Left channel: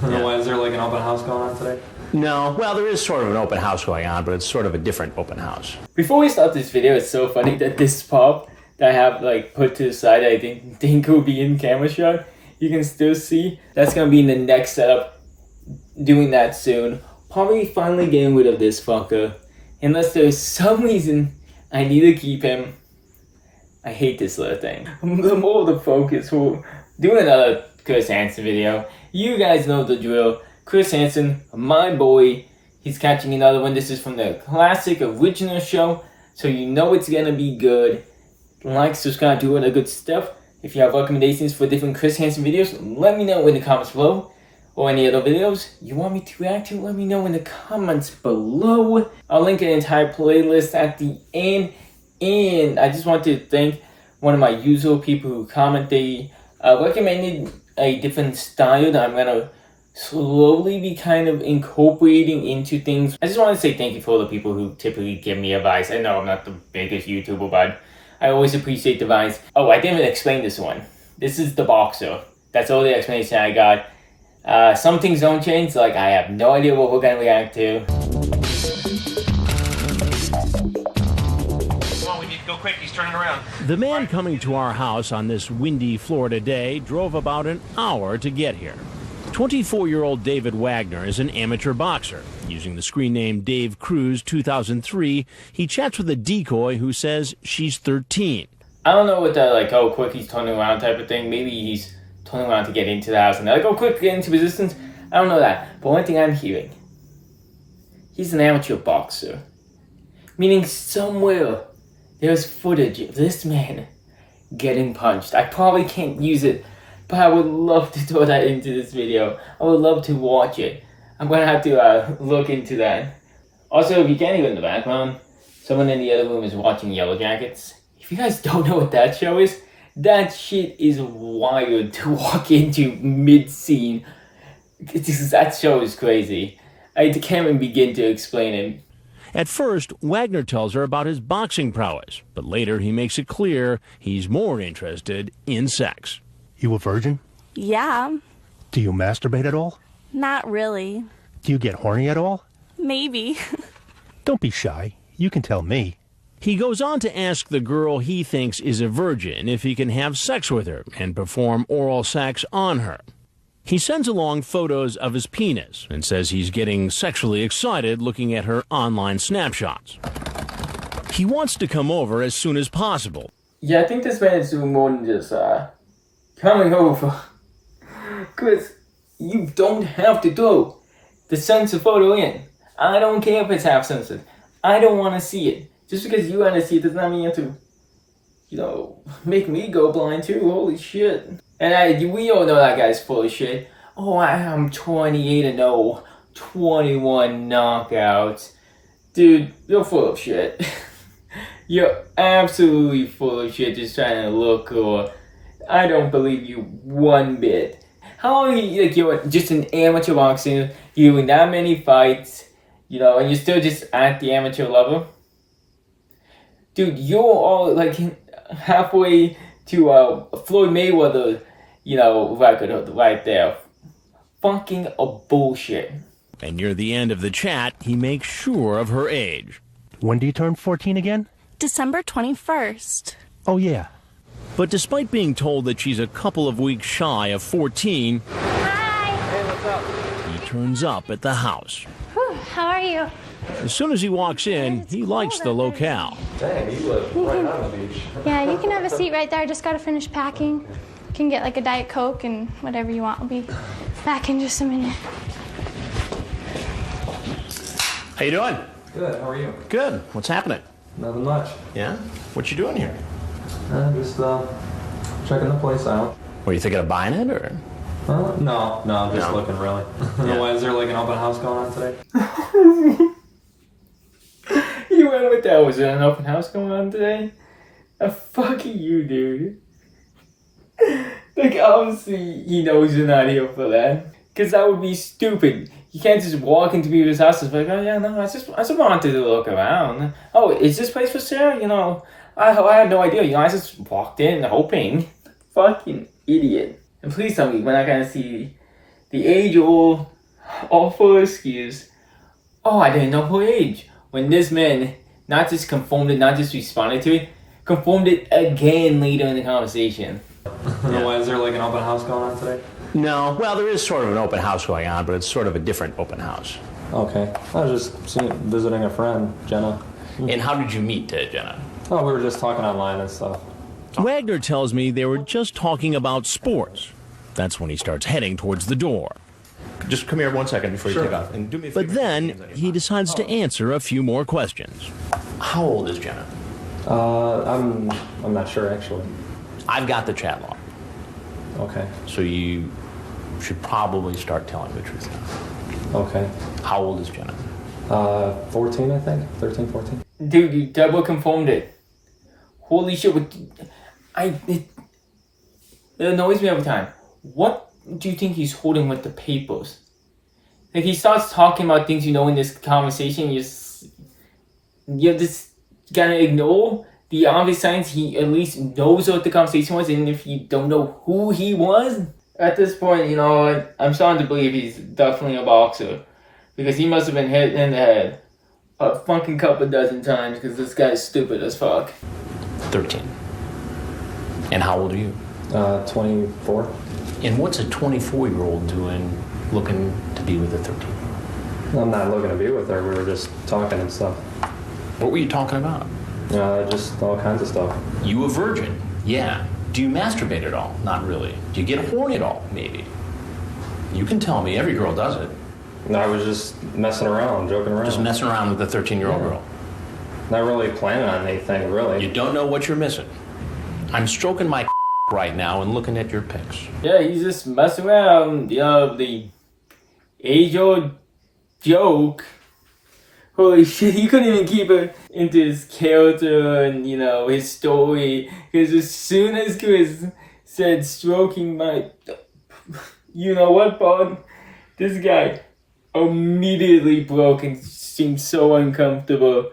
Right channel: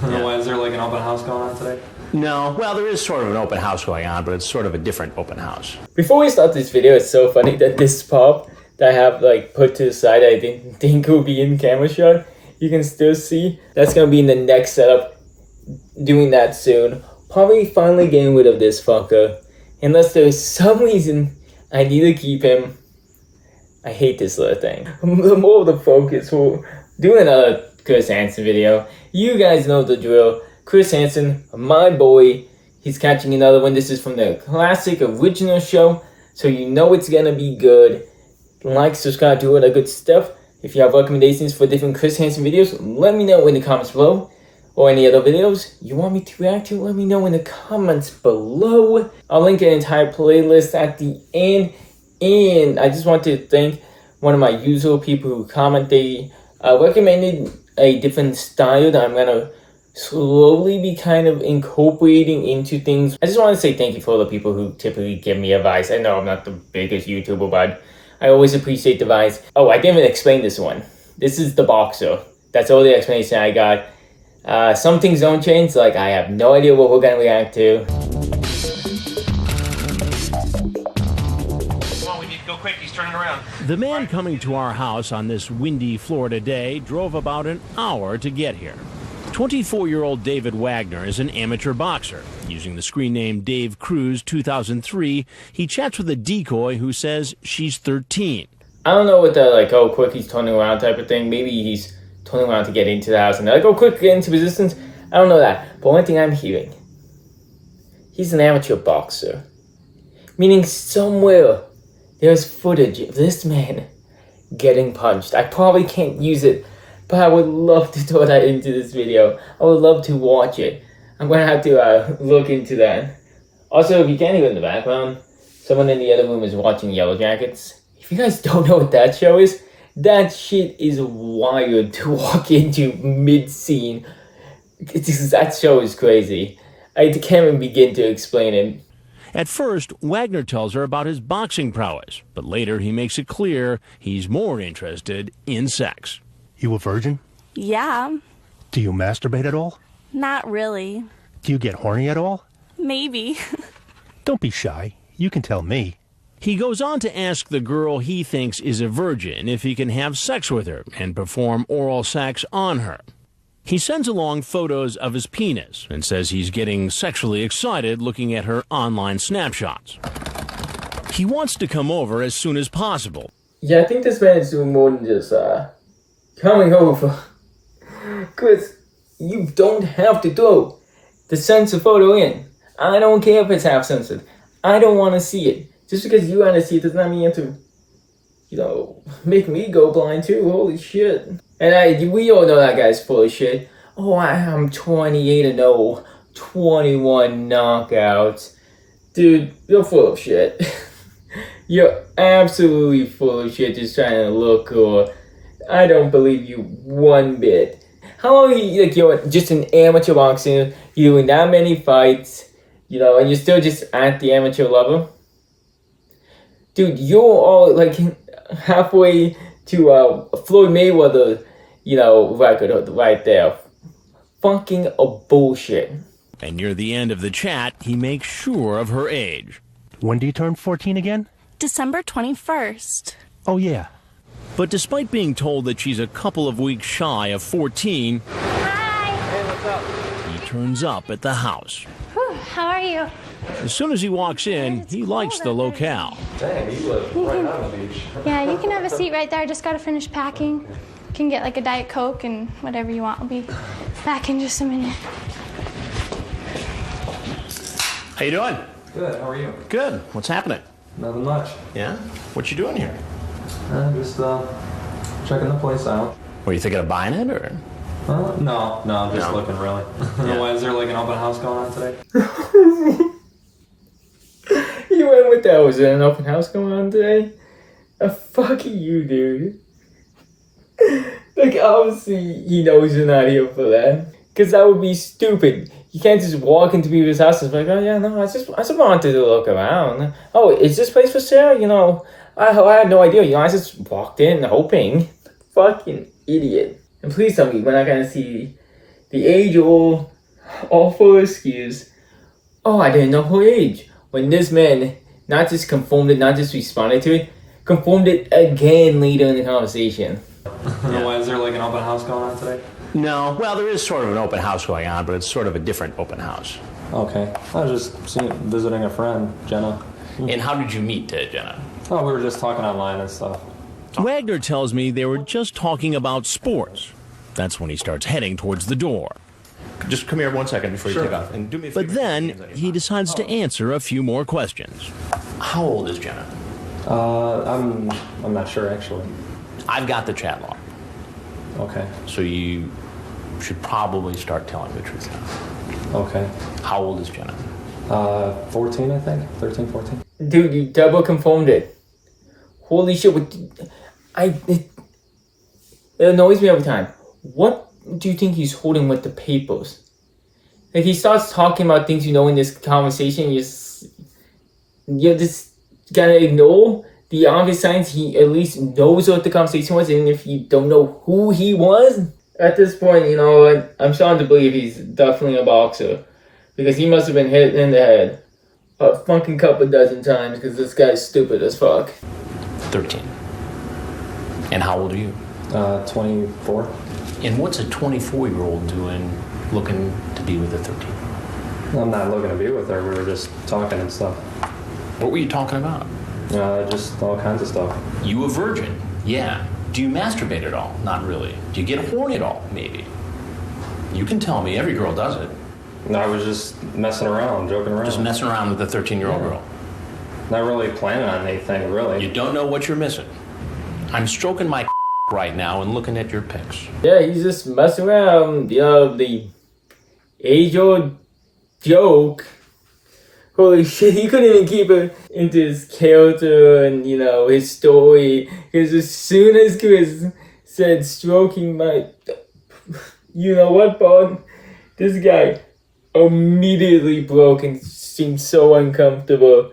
Why, is there like an open house going on today? No, well, there is sort of an open house going on, but it's sort of a different open house. Before we start this video, it's so funny that this pop that I have like put to the side that I didn't think will be in camera shot, you can still see. That's gonna be in the next setup. Doing that soon. Probably finally getting rid of this fucker. Unless there's some reason I need to keep him. I hate this little thing. The more the focus for doing another Chris Hansen video. You guys know the drill. Chris Hansen, my boy. He's catching another one. This is from the classic original show. So you know it's gonna be good. Like, subscribe, do all that good stuff. If you have recommendations for different Chris Hansen videos, let me know in the comments below. Or any other videos you want me to react to, let me know in the comments below. I'll link an entire playlist at the end. And I just want to thank one of my usual people who comment. They recommended a different style that I'm gonna slowly be kind of incorporating into things. I just want to say thank you for all the people who typically give me advice. I know I'm not the biggest YouTuber, but I always appreciate the advice. Oh, I didn't even explain this one. This is the boxer. That's all the explanation I got. Some things don't change, like I have no idea what we're gonna react to. Come on, we need to go quick, he's turning around. The man coming to our house on this windy Florida day drove about an hour to get here. 24-year-old David Wagner is an amateur boxer. Using the screen name Dave Cruz 2003, he chats with a decoy who says she's 13. I don't know what the like, oh, quick, he's turning around type of thing. Maybe he's turning around to get into the house and they're like, oh, quick, get into resistance. I don't know that. But one thing I'm hearing, he's an amateur boxer. Meaning somewhere there's footage of this man getting punched. I probably can't use it, but I would love to throw that into this video. I would love to watch it. I'm going to have to look into that. Also, if you can't hear in the background, someone in the other room is watching Yellow Jackets. If you guys don't know what that show is, that shit is wild to walk into mid-scene. That show is crazy. I can't even begin to explain it. At first, Wagner tells her about his boxing prowess, but later he makes it clear he's more interested in sex. You a virgin? Yeah. Do you masturbate at all? Not really. Do you get horny at all? Maybe. Don't be shy. You can tell me. He goes on to ask the girl he thinks is a virgin if he can have sex with her and perform oral sex on her. He sends along photos of his penis and says he's getting sexually excited looking at her online snapshots. He wants to come over as soon as possible. Yeah, I think this man is doing more than just coming over. Chris, you don't have to throw the censored photo in. I don't care if it's half censored. I don't want to see it. Just because you want to see it does not mean you have to, you know, make me go blind too. Holy shit. And we all know that guy's full of shit. Oh, I'm 28-0, 21 knockouts. Dude, you're full of shit. You're absolutely full of shit just trying to look cool. I don't believe you one bit. How long are you, like, you're just an amateur boxer, you're doing that many fights, you know, and you're still just at the amateur level? Dude, you're all like halfway to Floyd Mayweather, you know, record right there. Fucking a bullshit. And near the end of the chat, he makes sure of her age. When do you turn 14 again? December 21st. Oh, yeah. But despite being told that she's a couple of weeks shy of 14, Hi. Hey, what's up? he turns up at the house. Whew, how are you? As soon as he walks in, he likes the locale. Dang, you live right on the beach. Yeah, you can have a seat right there. I just gotta finish packing. You can get like a Diet Coke and whatever you want. I'll be back in just a minute. How you doing? Good, how are you? Good. What's happening? Nothing much. Yeah? What you doing here? Just checking the place out. Were you thinking of buying it, or? No, just No. looking really. Yeah. Why, is there like an open house going on today? You went with that. Was there an open house going on today? Fuck you, dude. Like, obviously, he knows you're not here for that. Because that would be stupid. You can't just walk into people's houses like, oh yeah, no, I just wanted to look around. Oh, is this place for sale? You know, I had no idea. You know, I just walked in hoping. Fucking idiot. And please tell me we're not gonna see, the age-old awful excuse, oh, I didn't know her age. When this man not just confirmed it, not just responded to it, confirmed it again later in the conversation. Why is there like an open house going on today? No, well, there is sort of an open house going on, but it's sort of a different open house. Okay. I was just visiting a friend, Jenna. And how did you meet Jenna? Oh, we were just talking online and stuff. Wagner tells me they were just talking about sports. That's when he starts heading towards the door. Just come here 1 second before you take off. And do me a favor. Oh. But then he decides to answer a few more questions. How old is Jenna? I'm not sure actually. I've got the chat log. Okay. So you should probably start telling the truth now. Okay. How old is Jenna? 14, I think. 13, 14. Dude, you double confirmed it. Holy shit! It annoys me every time. What do you think he's holding with the papers? Like he starts talking about things in this conversation. You just gotta ignore the obvious signs. He at least knows what the conversation was, and if you don't know who he was, at this point, I'm starting to believe he's definitely a boxer, because he must have been hit in the head a fucking couple dozen times. Because this guy's stupid as fuck. 13. And how old are you? 24. And what's a 24-year-old doing looking to be with a 13? I'm not looking to be with her. We were just talking and stuff. What were you talking about? Just all kinds of stuff. You a virgin? Yeah. Do you masturbate at all? Not really. Do you get horny at all? Maybe. You can tell me. Every girl does it. No, I was just messing around, joking around. Just messing around with a 13-year-old girl. Not really planning on anything, really. You don't know what you're missing. I'm stroking my right now and looking at your pics. Yeah, he's just messing around. The age-old joke. Holy shit, he couldn't even keep it into his character and, his story. Because as soon as Chris said stroking my... You know what, Bob? This guy immediately broke and seemed so uncomfortable.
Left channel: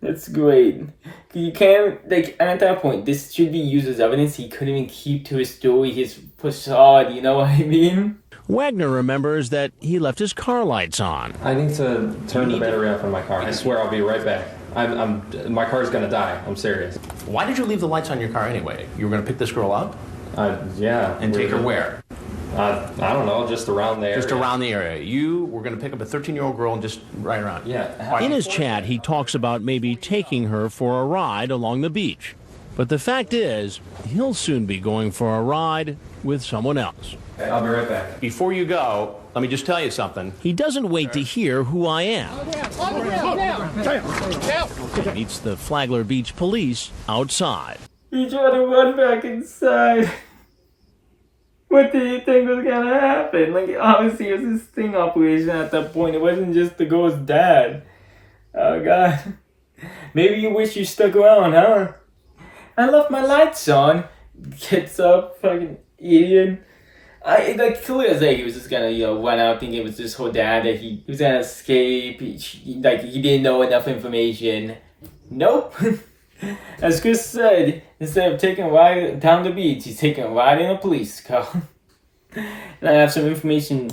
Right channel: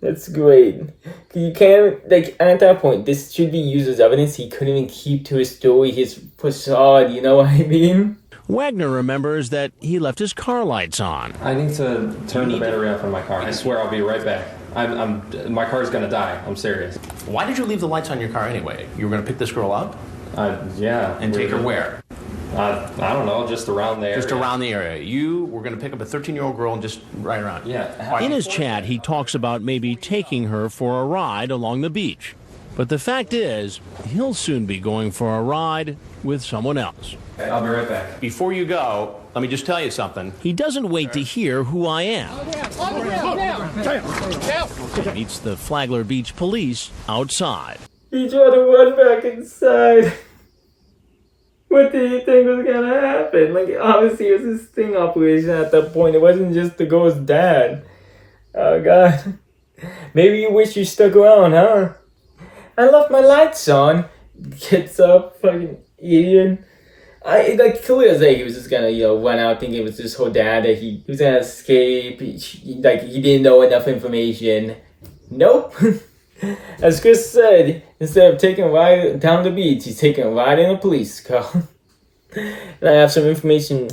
That's great. You can't, at that point, this should be used as evidence. He couldn't even keep to his story, his facade, you know what I mean? Wagner remembers that he left his car lights on. I need to turn the battery off in my car. I swear I'll be right back. My car's gonna die. I'm serious. Why did you leave the lights on your car anyway? You were going to pick this girl up? Yeah. And take her where? I don't know, just around there. Just around the area. You were going to pick up a 13-year-old girl and just ride around. Yeah. In his chat, he talks about maybe taking her for a ride along the beach. But the fact is, he'll soon be going for a ride with someone else. I'll be right back. Before you go, let me just tell you something. He doesn't wait to hear who I am. He meets the Flagler Beach police outside. He tried to run back inside. What did you think was gonna happen? Obviously it was a sting operation at that point. It wasn't just the girl's dad. Oh god. Maybe you wish you stuck around, huh? I left my lights on. Gets up, fucking idiot. Clearly as he was just gonna, run out thinking it was just her dad, that he was gonna escape. He didn't know enough information. Nope. As Chris said, instead of taking a ride down the beach, he's taking a ride in a police car. And I have some information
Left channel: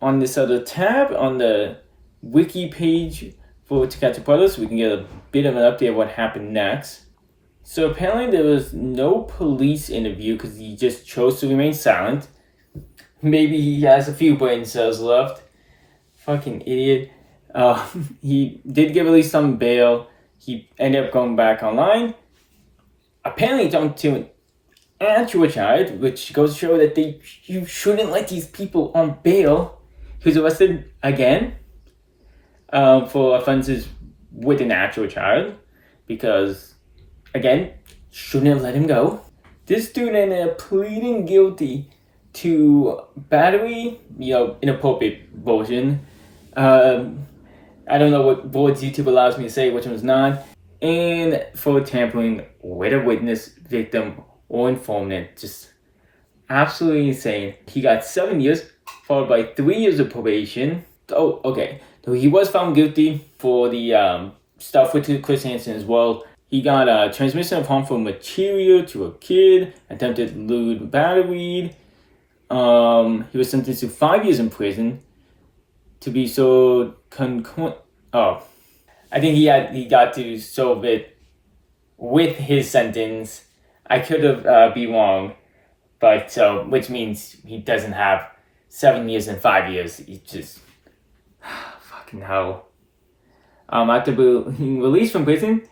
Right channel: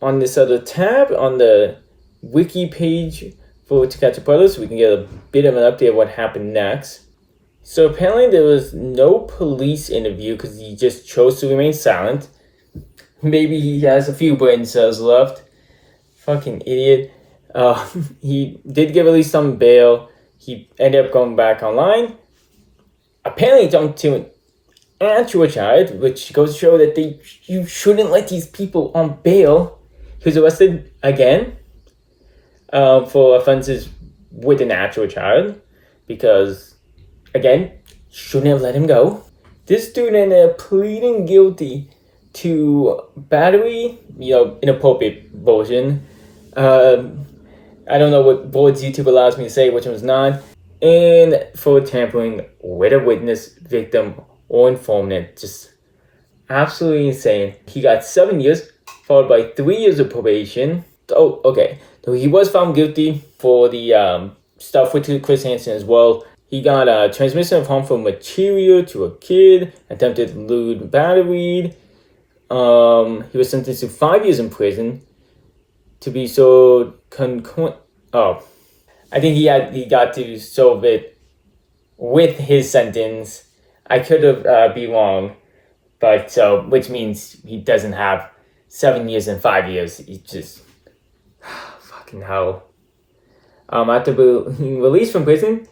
on this other tab on the wiki page for To Catch a Predator, so we can get a bit of an update of what happened next. So apparently there was no police interview because he just chose to remain silent. Maybe he has a few brain cells left. Fucking idiot. He did get released on bail. He ended up going back online. Apparently jumped to an actual charge, which goes to show that you shouldn't let these people on bail. He was arrested again for offenses with an actual child, because, again, shouldn't have let him go. This dude ended up pleading guilty to battery, inappropriate version. I don't know what words YouTube allows me to say, which one's not. And for tampering with a witness, victim, or informant. Just absolutely insane. He got 7 years, followed by 3 years of probation. Oh, okay. So he was found guilty for the stuff with Chris Hansen as well. He got transmission of harmful material to a kid, attempted lewd battery, he was sentenced to 5 years in prison to be so I think he got to solve it with his sentence. I could have be wrong, but which means he doesn't have 7 years and 5 years. He just fucking hell. After being released from prison,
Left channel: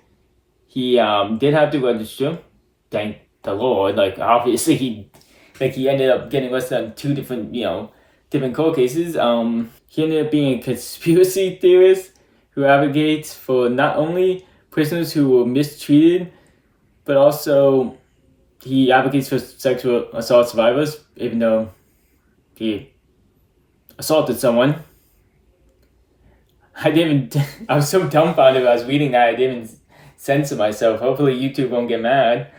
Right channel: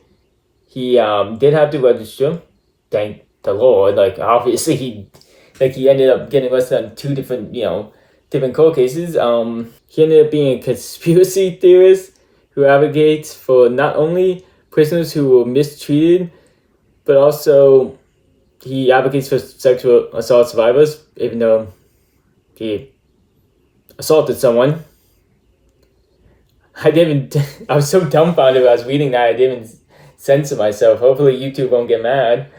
he did have to register. Thank the Lord. Like obviously he ended up getting arrested on 2 different different court cases. He ended up being a conspiracy theorist who advocates for not only prisoners who were mistreated, but also he advocates for sexual assault survivors, even though he assaulted someone. I was so dumbfounded when I was reading that, I didn't even censor myself. Hopefully YouTube won't get mad.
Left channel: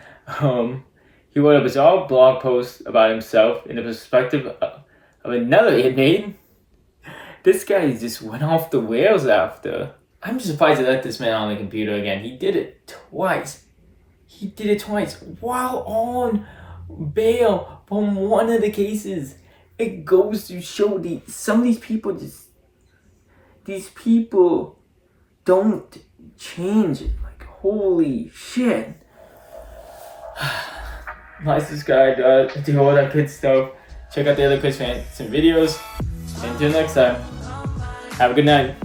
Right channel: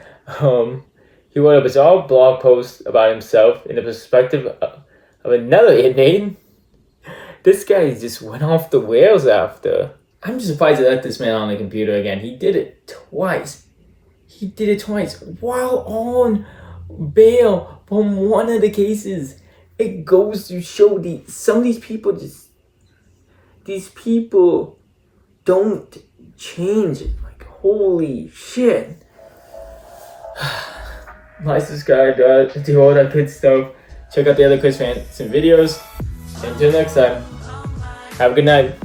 He wrote a bizarre blog post about himself in the perspective of another inmate. This guy just went off the rails after. I'm just surprised they let this man on the computer again. He did it twice. While on bail from one of the cases. It goes to show some of these people don't change. Like, holy shit. Like, subscribe, do all that good stuff. Check out the other Chris Hansen videos. Until next time, have a good night.